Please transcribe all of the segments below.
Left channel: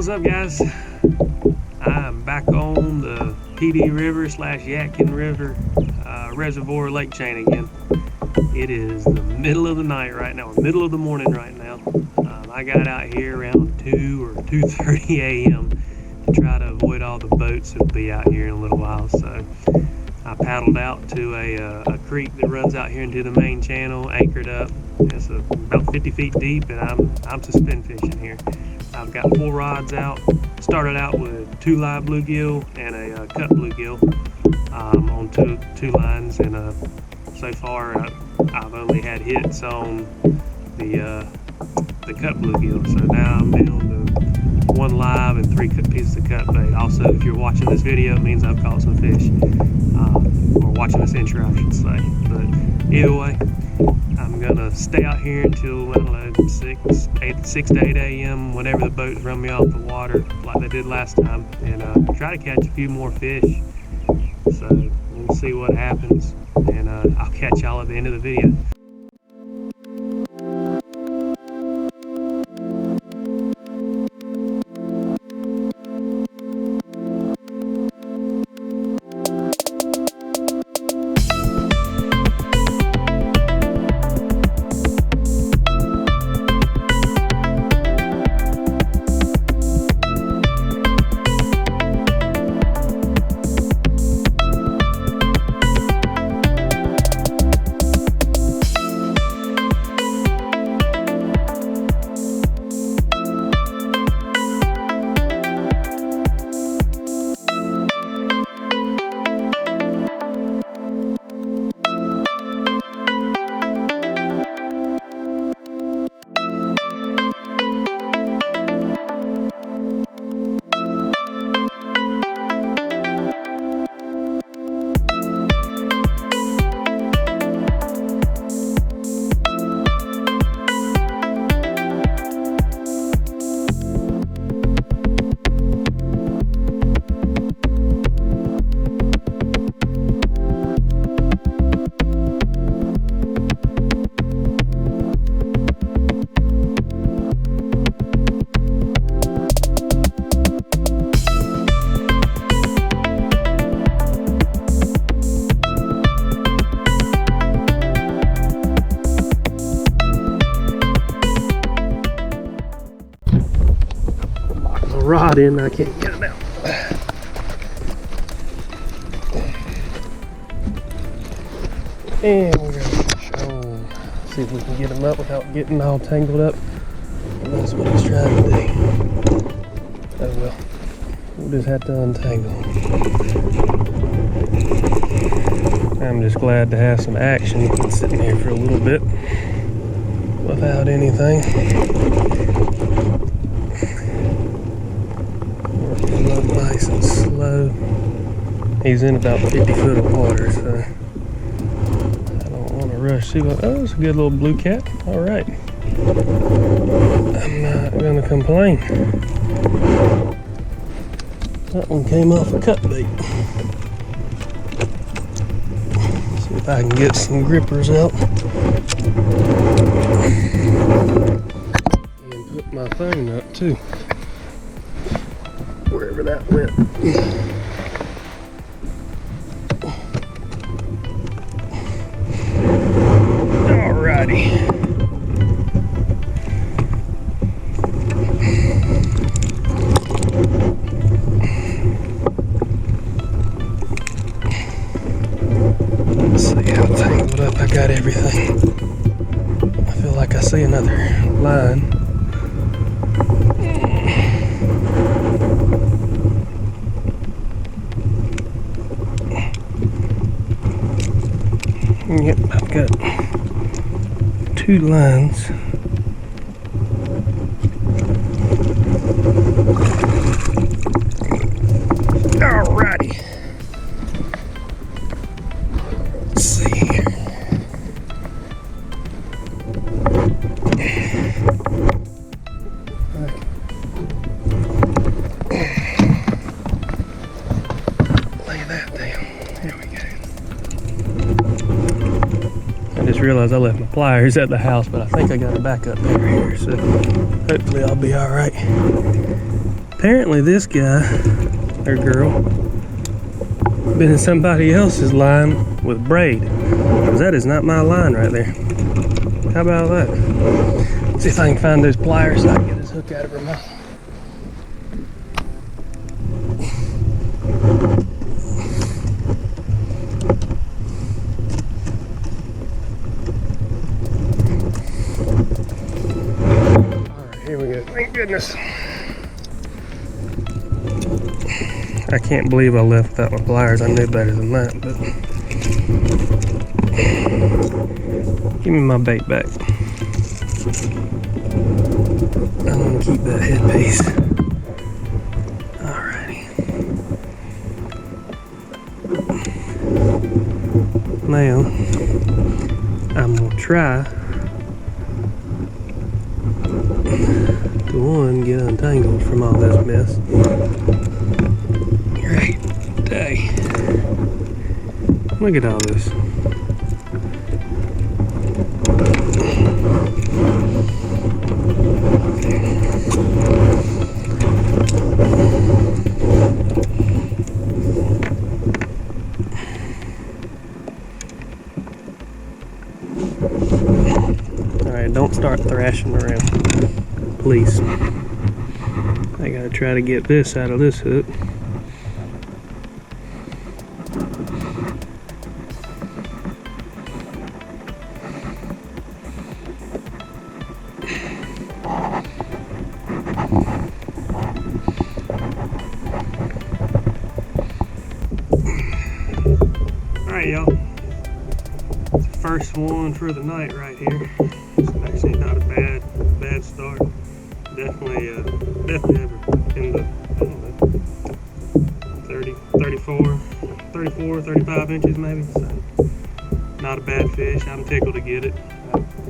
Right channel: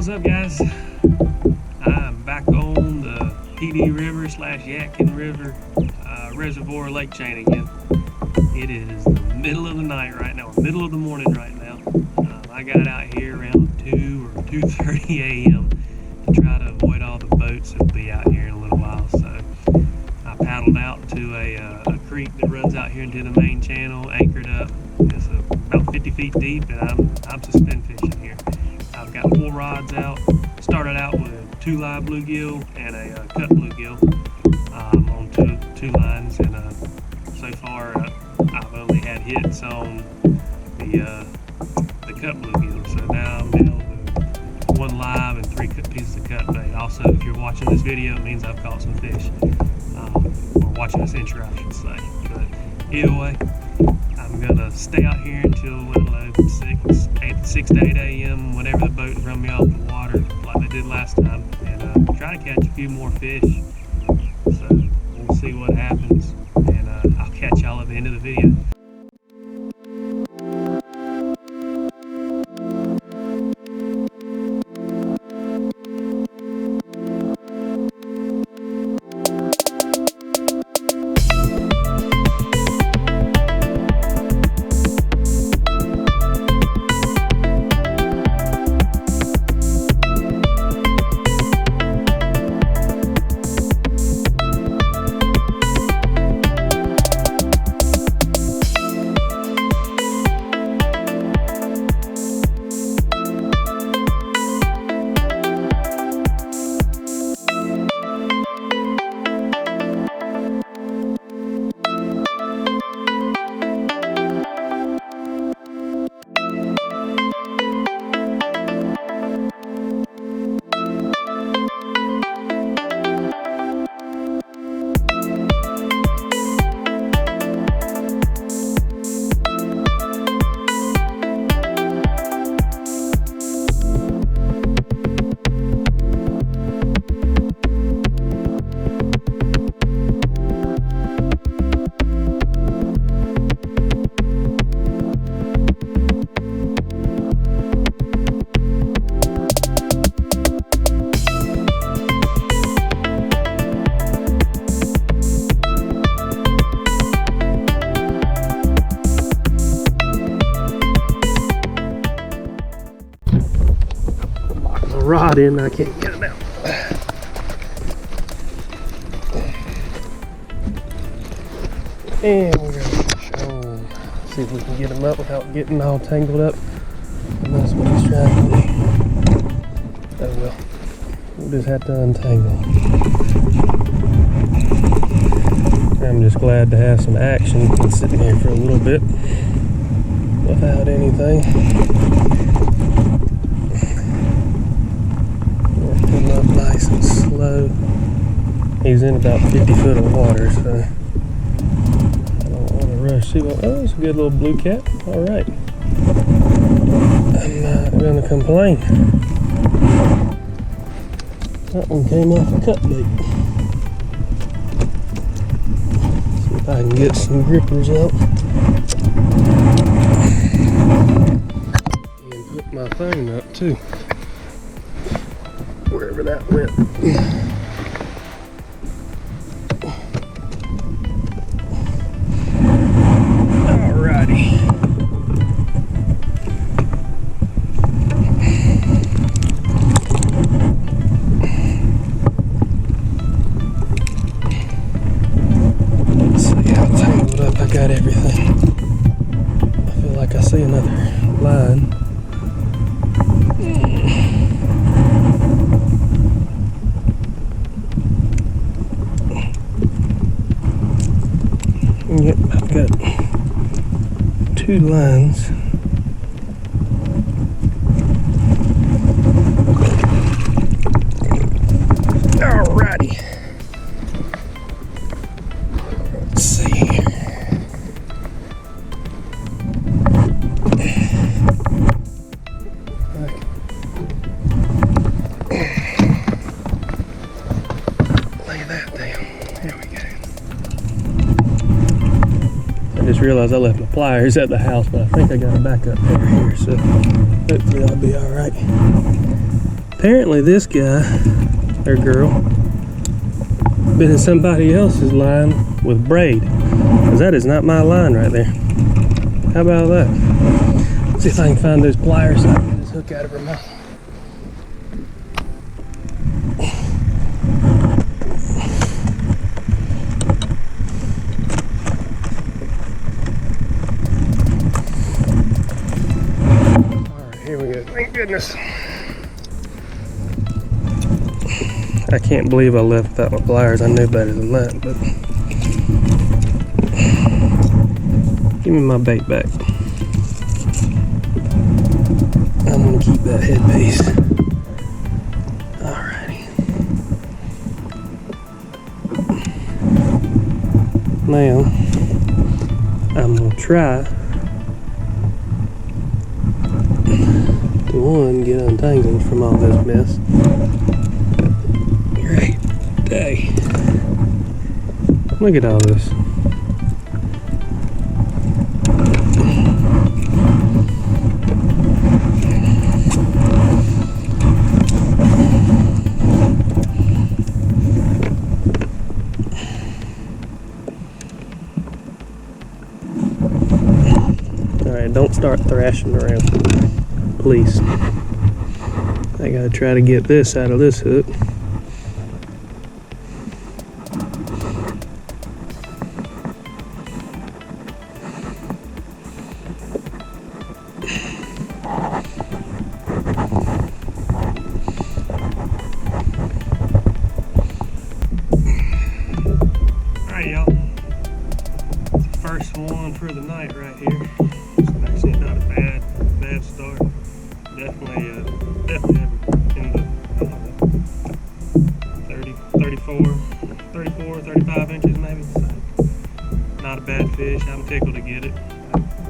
What's up, guys? I'm back on the PD River / Yadkin River reservoir lake chain again. It is the middle of the night right now, or middle of the morning right now. I got out here around 2 or 2:30 a.m. to try to avoid all the boats that'll be out here in a little while. So I paddled out to a creek that runs out here into the main channel, anchored up. It's about 50 feet deep, and I'm suspend fishing here. I've got 4 rods out. Started out with 2 live bluegill and a cut bluegill on two lines, and so far I've only had hits on the cut bluegill. So now I'm down to 1 live and 3 pieces of cut bait. Also, if you're watching this video, it means I've caught some fish, or watching this intro, I should say. But either way, I'm gonna stay out here until, I don't know, 6 to 8 a.m. whenever the boats run me off the water like they did last time, and try to catch a few more fish. So we'll see what happens, and I'll catch y'all at the end of the video. Rod in, I can't get it out. And we're gonna see if we can get him up without getting all tangled up. And that's what he's trying to do. Oh well, we'll just have to untangle him. I'm just glad to have some action. Been sitting here for a little bit without anything. Working up nice and slow. He's in about 50 foot of water, so I don't want to rush. See what? Oh, it's a good little blue cat. All right, I'm not gonna complain. That one came off a cut bait. See if I can get some grippers out and put my phone up too. Wherever that went. Alrighty. Let's see how tangled up I got everything. I feel like I see another line. Yep, I've got 2 lines. Alrighty. Let's see here. Lay that down. There we go. I just realized I left my pliers at the house, but I think I got a backup pair here, so hopefully I'll be all right. Apparently this guy, or girl, been in somebody else's line with braid. Because that is not my line right there. How about that? Let's see if I can find those pliers so I can get this hook out of her mouth. Alright, here we go. Thank goodness. I can't believe I left without my pliers. I knew better than that, but give me my bait back. I'm gonna keep that headpiece. Alrighty. Now, I'm gonna try to get untangled from all this mess. Great day. Look at all this. Alright, don't start thrashing around, please. I gotta try to get this out of this hook. Alright, y'all. It's the first one for the night right here. It's actually not a bad start. Definitely ever in the, I don't know, 30, 34, 35 inches maybe. So not a bad fish. I'm tickled to get it.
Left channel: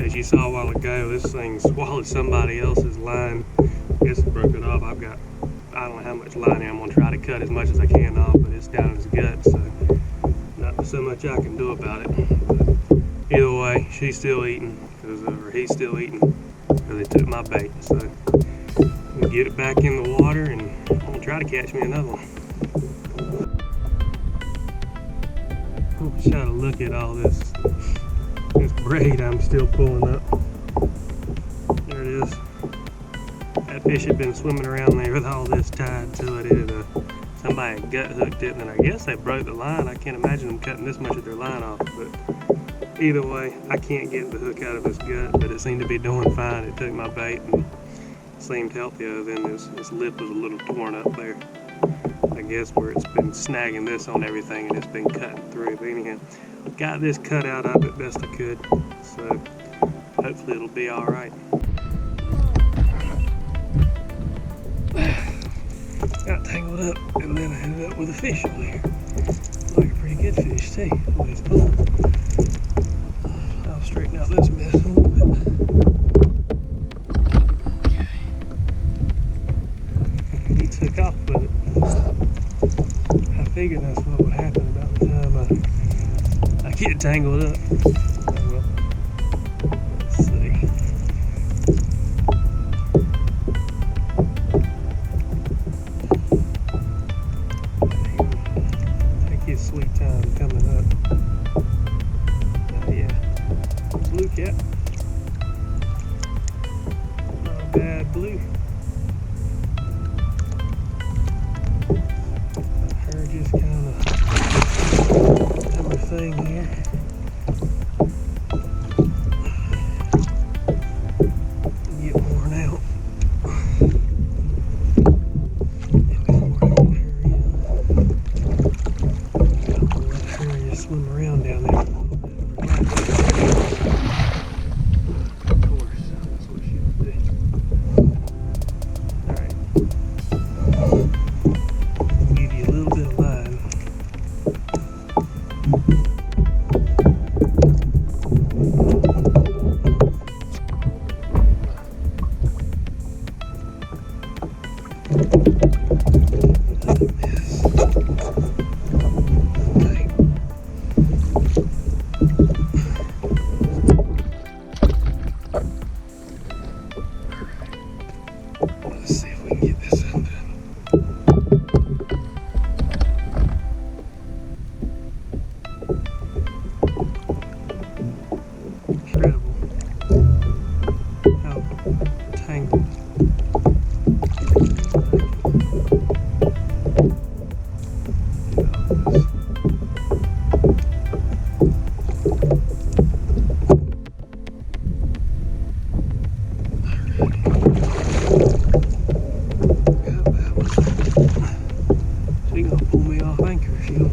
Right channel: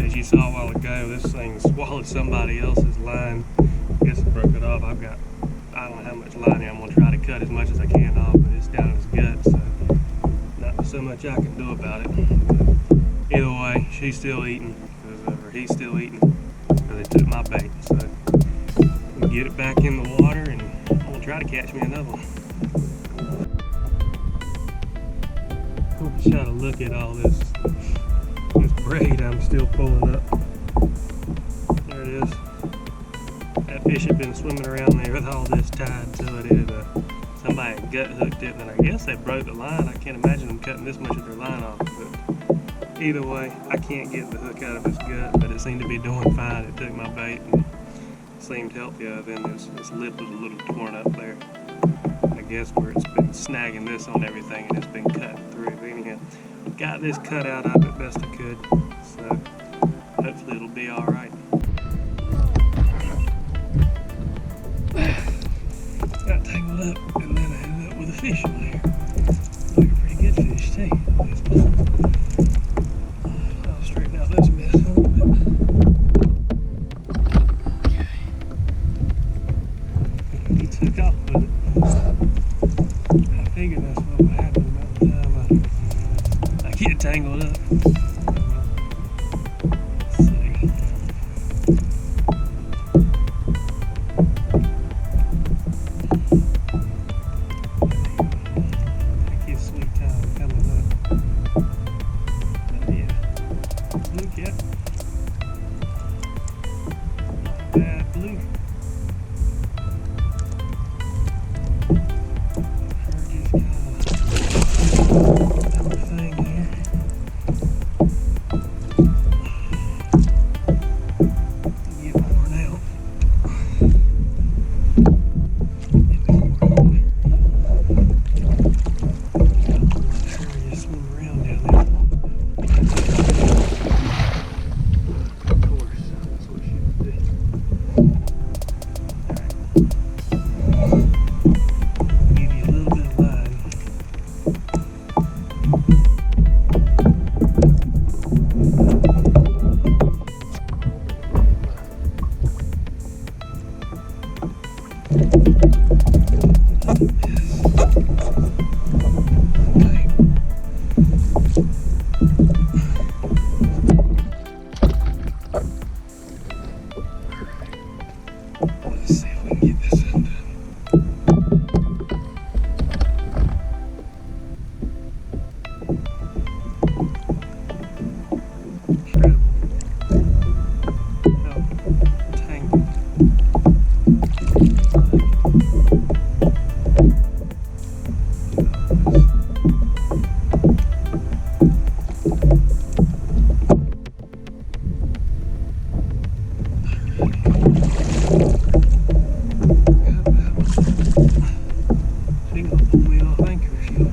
As you saw a while ago, this thing swallowed somebody else's line. I guess it broke it off. I don't know how much line I'm gonna try to cut as much as I can off, but it's down in his gut, so not so much I can do about it. But either way, she's still eating, or he's still eating, because they took my bait. So I'm gonna get it back in the water, and I'm gonna try to catch me another one. I'm gonna try to look at all this braid I'm still pulling up. There it is. That fish had been swimming around there with all this tied to it. Somebody had gut hooked it, and I guess they broke the line. I can't imagine them cutting this much of their line off, but either way, I can't get the hook out of his gut, but it seemed to be doing fine. It took my bait and seemed healthy, other than this lip was a little torn up there. I guess where it's been snagging this on everything and it's been cutting through. But anyhow, got this cut out of it best I could, so hopefully it'll be all right. Got tangled up, and then I ended up with a fish on there. Looks like a pretty good fish too, the way it's pulling. I'll straighten out this mess a little bit. Okay. He took off with it. I figured that's what would happen about the time I get tangled up. Oh well. Let's see. Sweet time coming up. Oh yeah, blue cat. Not a bad blue. Let her just kind of do her thing here. Get worn out. Swim around down there. Of course, that's what she would do.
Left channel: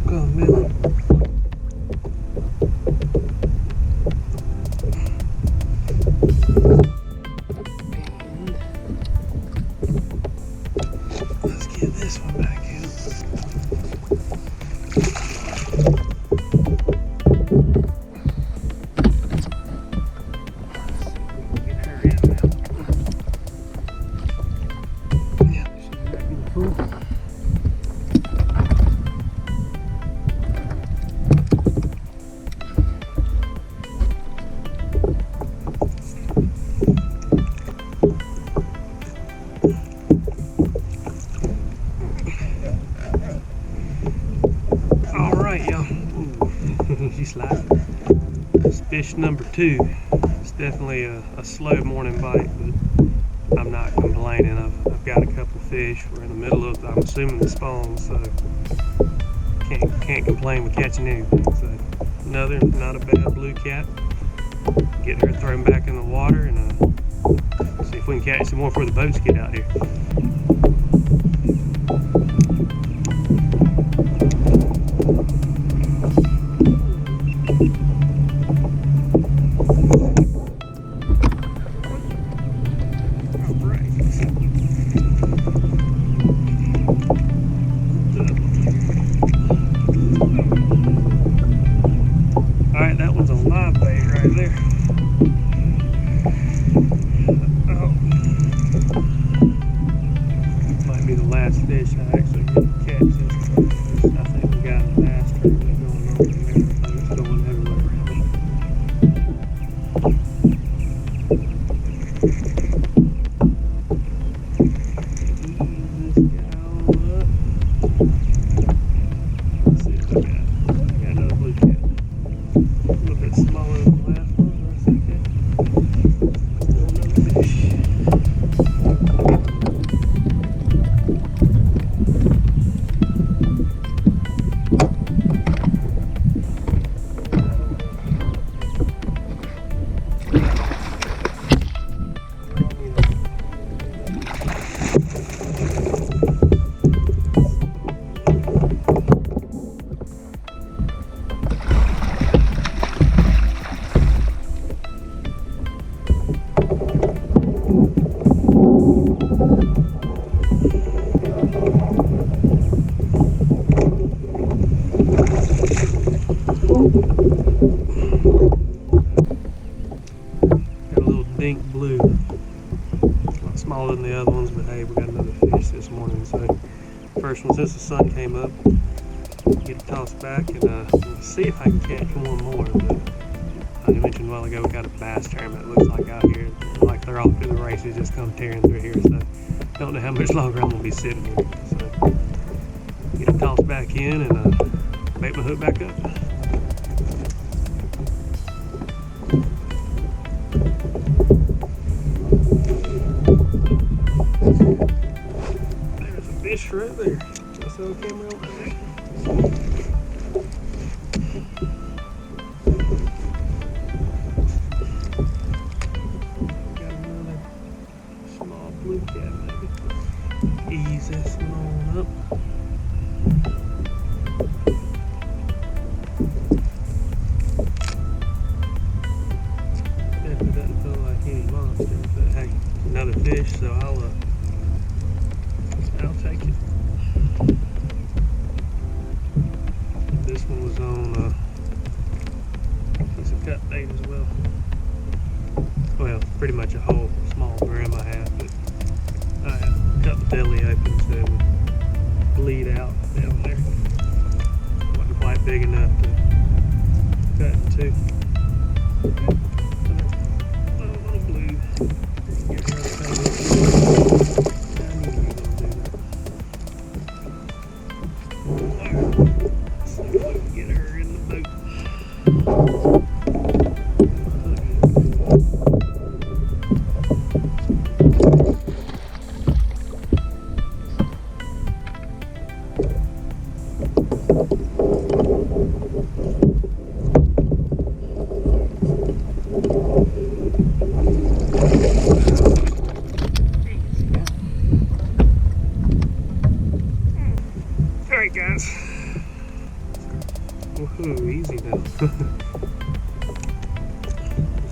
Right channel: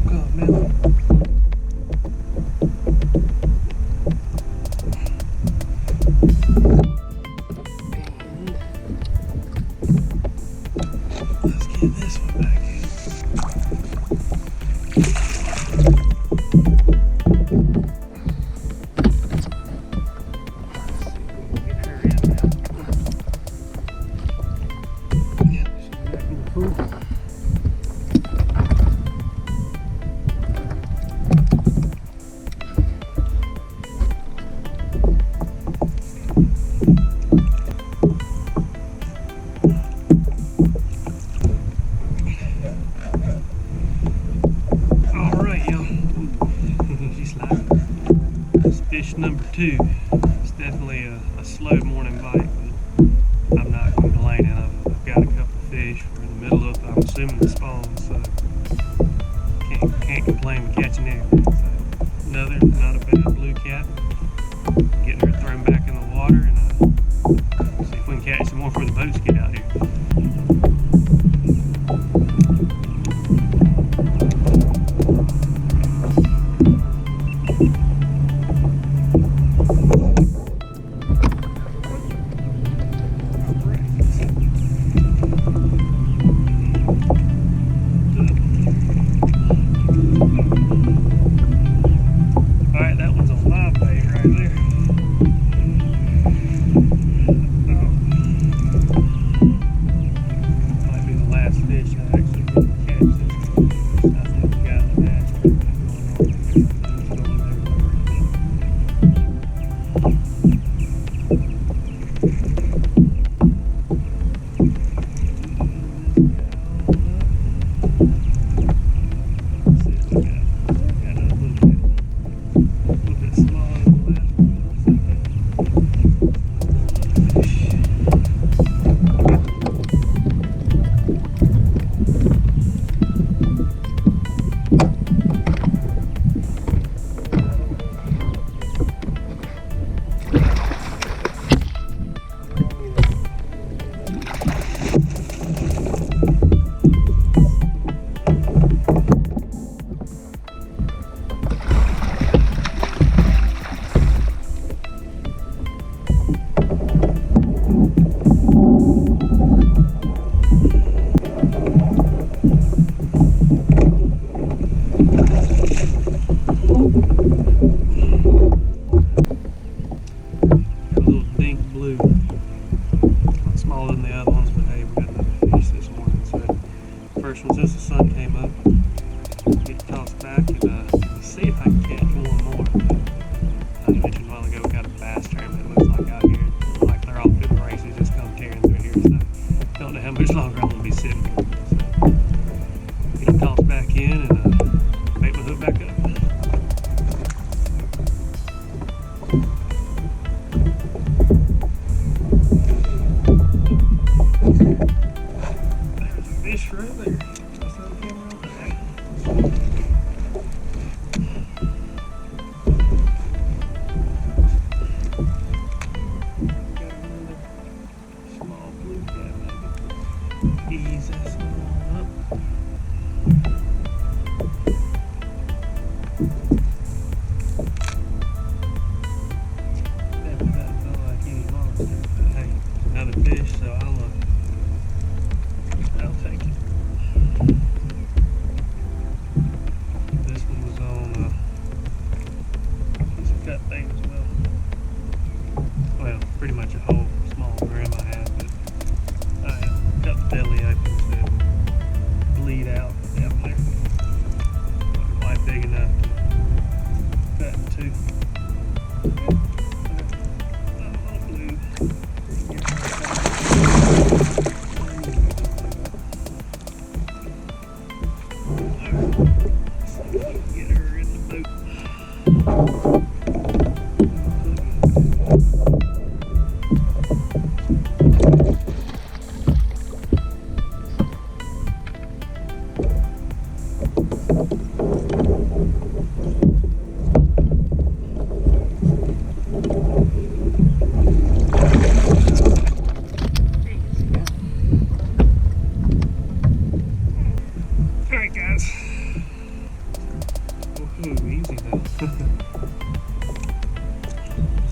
Come down. Let's get this one back in. Get her in now. Yeah, she's back in the pool. Alright, y'all. She's sliding. That's fish number 2. It's definitely a slow morning bite, but I'm not complaining. I've got a couple fish. We're in the middle of, I'm assuming, the spawn, so can't complain with catching anything. So another not a bad blue cat. Get her thrown back in the water and see if we can catch some more before the boats get out here. Alright, that one's on live bait right there. Oh. Might be the last fish I actually get to catch this. I think we got a bass tournament going on in there. Boats going everywhere around me. This guy on up. Let's see what we got. We got another blue cat. A little bit smaller than the last one, but that's okay. Still another fish. Got a little dink blue. A lot smaller than the other ones, but hey, we got another fish this morning. So first one since the sun came up. Get it tossed back and see if I can catch one more. But I mentioned a while ago we got a bass tournament. It looks like out here, like they're off to the races, just come tearing through here. So don't know how much longer I'm gonna be sitting here. So get it tossed back in and bait my hook back up. There's a fish right there. That's on camera over there. Got another small blue cat maybe. Ease this one on up. Definitely doesn't feel like any monster, but hey, another fish, so I'll take it. This one was on a piece of cut bait as well. Well, pretty much a whole small brim I had, but I cut the belly open so it would bleed out down there. Wasn't quite big enough to cut in two. Little blue. Get her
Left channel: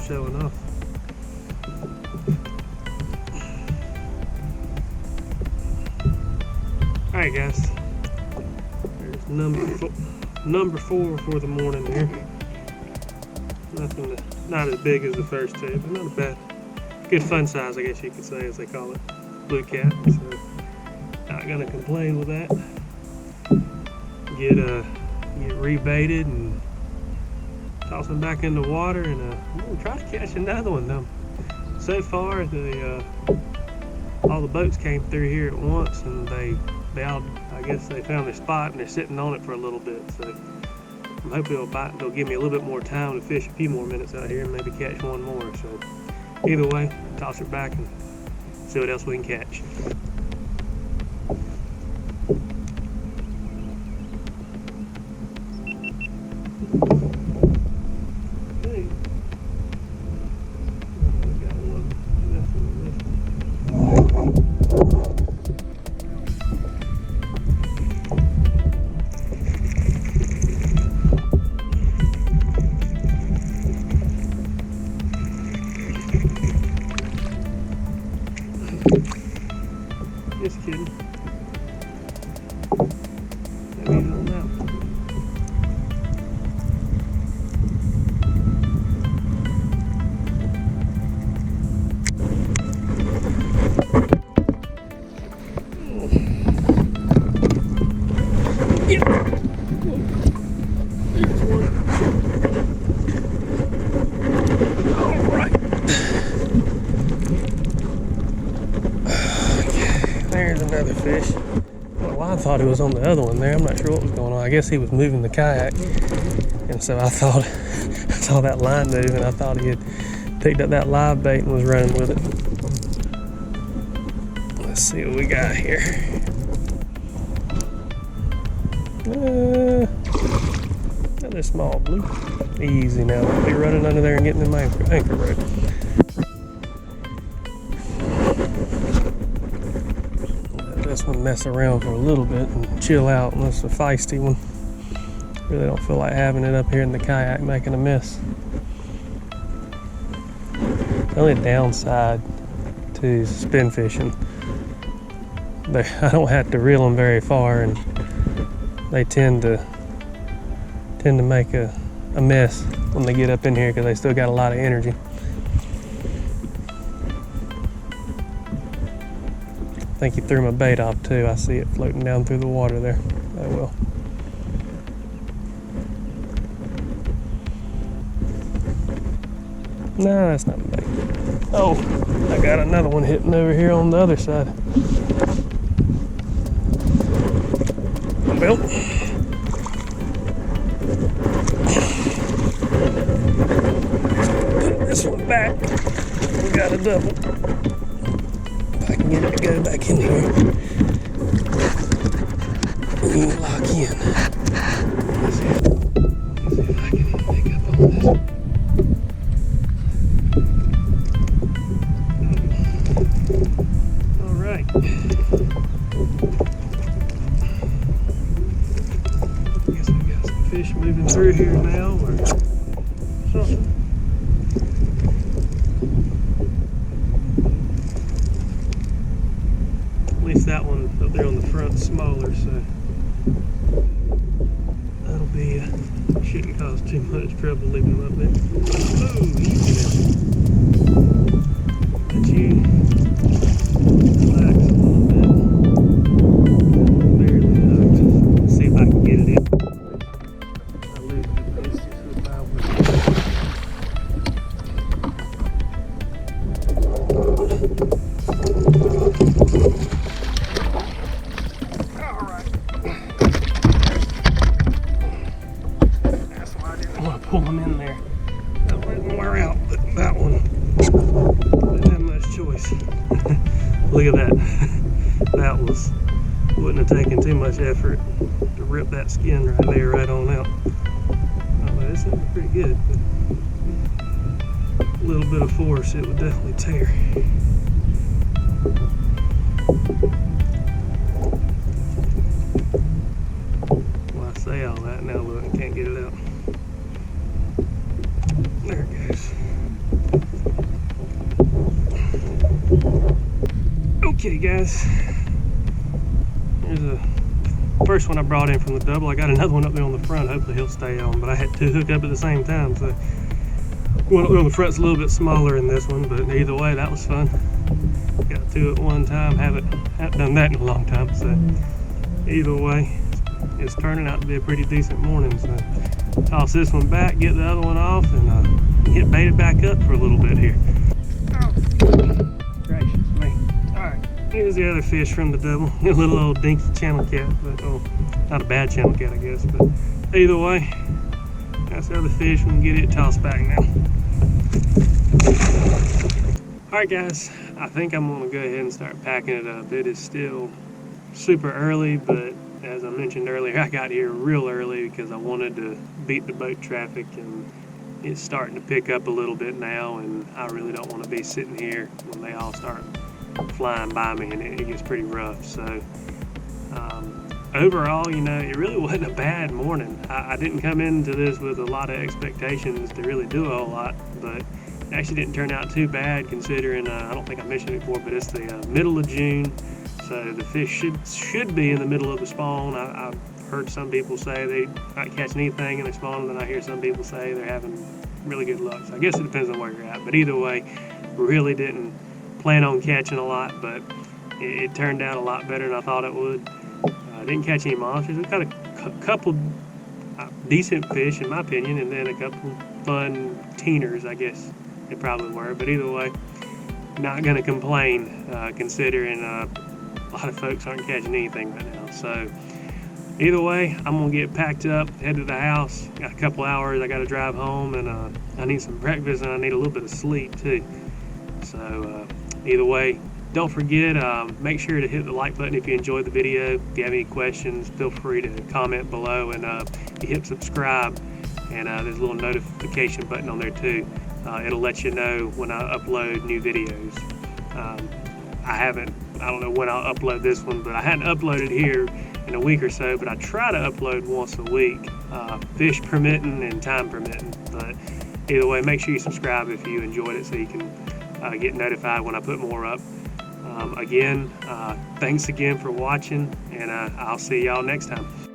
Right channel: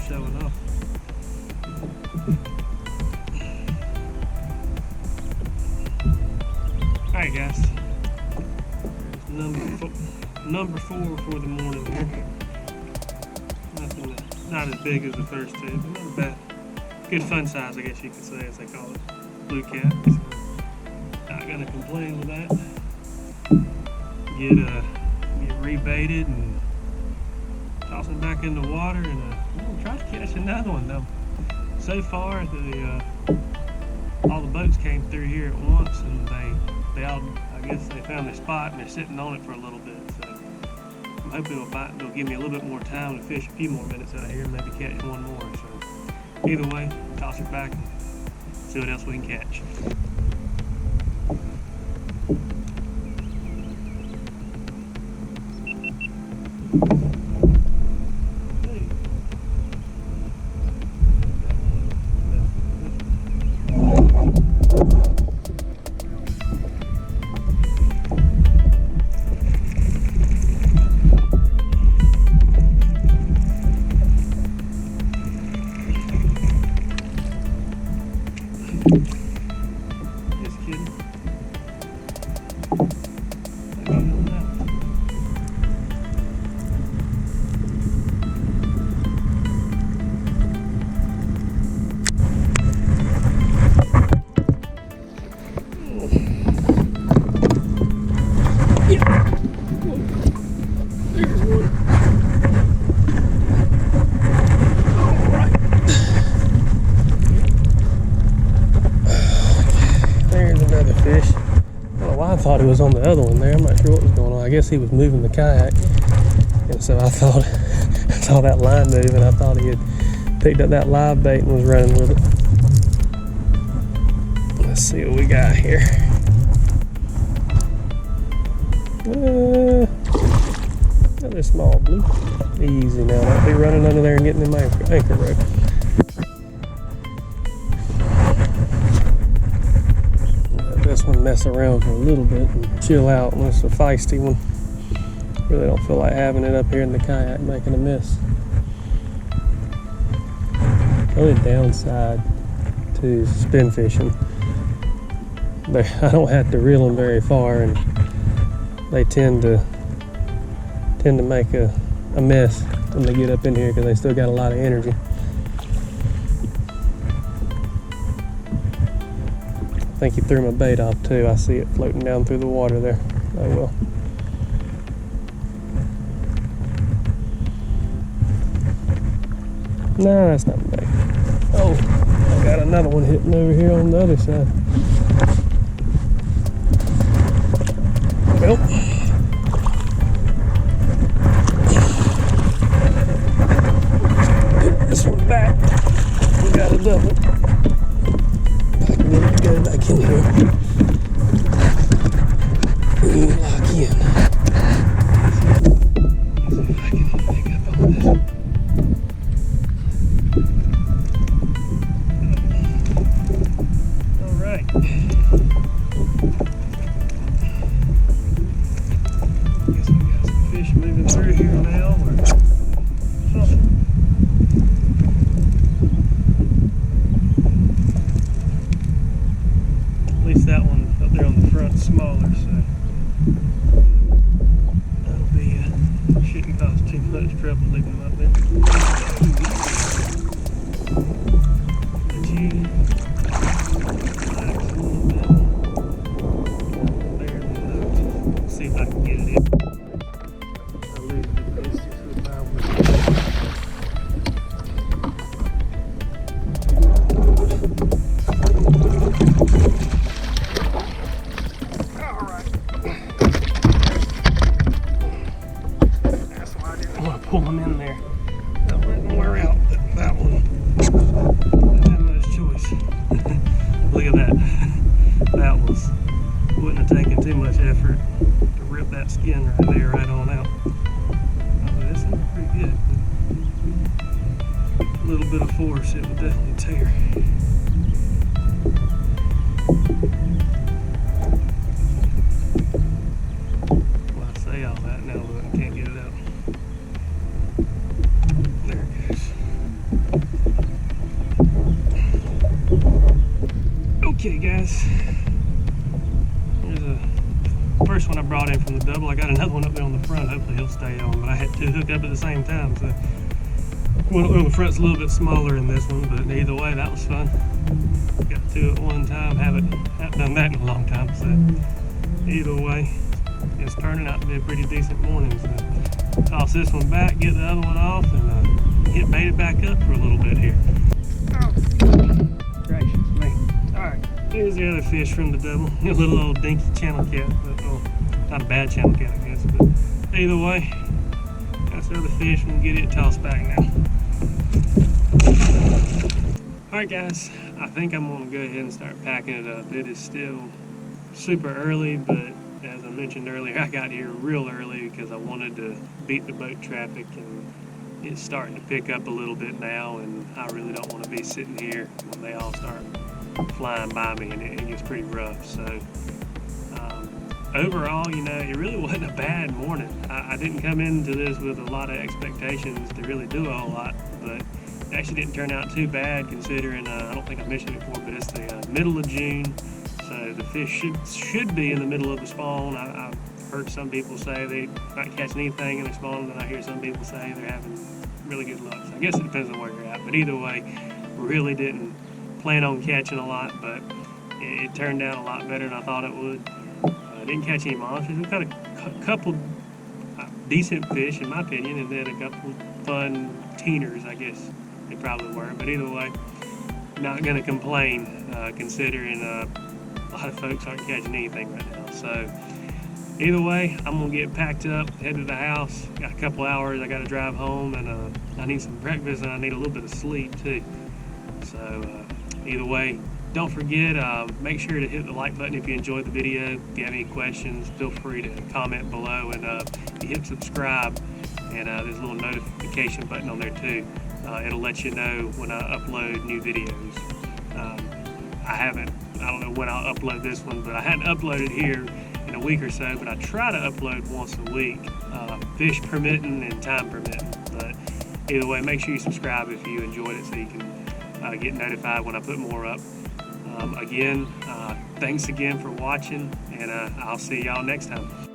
Showing off. Alright guys, there's number four for the morning here. Not as big as the first two, but not a bad, good fun size I guess you could say, as they call it, blue cat. So not gonna complain with that. Get rebaited and toss them back in the water, and we'll try to catch another one though. So far, all the boats came through here at once, and they all, I guess they found their spot and they're sitting on it for a little bit. So I'm hoping it'll bite. They'll give me a little bit more time to fish a few more minutes out here and maybe catch one more. So either way, toss her back and see what else we can catch. Just kidding. Maybe he's on that one. Yeah. There's one. All right. There's another fish. I don't know why I thought he was on the other one there. I'm not sure what was going on. I guess he was moving the kayak. And so I thought, I saw that line move and I thought he had picked up that live bait and was running with it. Let's see what we got here. Another small blue. Easy now. Don't be running under there and getting in my anchor rope. This one mess around for a little bit and chill out, unless it's a feisty one. Really don't feel like having it up here in the kayak making a mess. The only downside to spin fishing, I don't have to reel them very far, and they tend to make a mess when they get up in here because they still got a lot of energy. I think he threw my bait off too. I see it floating down through the water there. Oh well. No, that's not my bait. Oh, I got another one hitting over here on the other side. Well, put this one back. We got a double. If I can get it to go back in here and lock in. Let's see if I can pick up on this. All right. Guess we got some fish moving through here now, or something. At least that one up there on the front smaller, so that'll be shouldn't cause too much trouble leaving them up there. Oh, let you relax a little bit. Barely hooked. Let's see if I can get it in. I lose the base just with my one. Pull them in there. That wouldn't wear out, but that one didn't have much choice. Look at that. That wouldn't have taken too much effort to rip that skin right there, right on out. Although this is pretty good, but a little bit of force, it would definitely tear. Well, I say all that, now look, I can't get it out. There it goes. Okay, guys. Here's a first one I brought in from the double. I got another one up there on the front. Hopefully he'll stay on, but I had two hook up at the same time, so one up there on the front's a little bit smaller than this one, but either way, that was fun. Got two at one time. Haven't done that in a long time, so either way, it's turning out to be a pretty decent morning. So toss this one back, get the other one off, and get baited back up for a little bit here. Oh, gracious me. Alright, here's the other fish from the double. A little old dinky channel cat, but not a bad channel cat, I guess, but either way, that's the other fish. We can get it tossed back now. Alright guys, I think I'm going to go ahead and start packing it up. It is still super early, but as I mentioned earlier, I got here real early because I wanted to beat the boat traffic, and it's starting to pick up a little bit now, and I really don't want to be sitting here when they all start flying by me and it gets pretty rough. So overall, you know, it really wasn't a bad morning. I didn't come into this with a lot of expectations to really do a whole lot, but it actually didn't turn out too bad considering, I don't think I mentioned it before, but it's the middle of June, so the fish should be in the middle of the spawn. I've heard some people say they're not catching anything in the spawn, and then I hear some people say they're having really good luck. So I guess it depends on where you're at, but either way, really didn't plan on catching a lot, but it turned out a lot better than I thought it would. Didn't catch any monsters. We caught a couple decent fish in my opinion, and then a couple fun teeners, I guess they probably were, but either way, not gonna complain considering a lot of folks aren't catching anything right now. So either way, I'm gonna get packed up, head to the house. Got a couple hours, I gotta drive home, and I need some breakfast, and I need a little bit of sleep too. So either way, don't forget, make sure to hit the like button if you enjoyed the video. If you have any questions, feel free to comment below, and you hit subscribe, and there's a little notification button on there too. It'll let you know when I upload new videos. I don't know when I'll upload this one, but I hadn't uploaded here in a week or so, but I try to upload once a week, fish permitting and time permitting. But either way, make sure you subscribe if you enjoyed it so you can get notified when I put more up. Again, thanks again for watching, and I'll see y'all next time.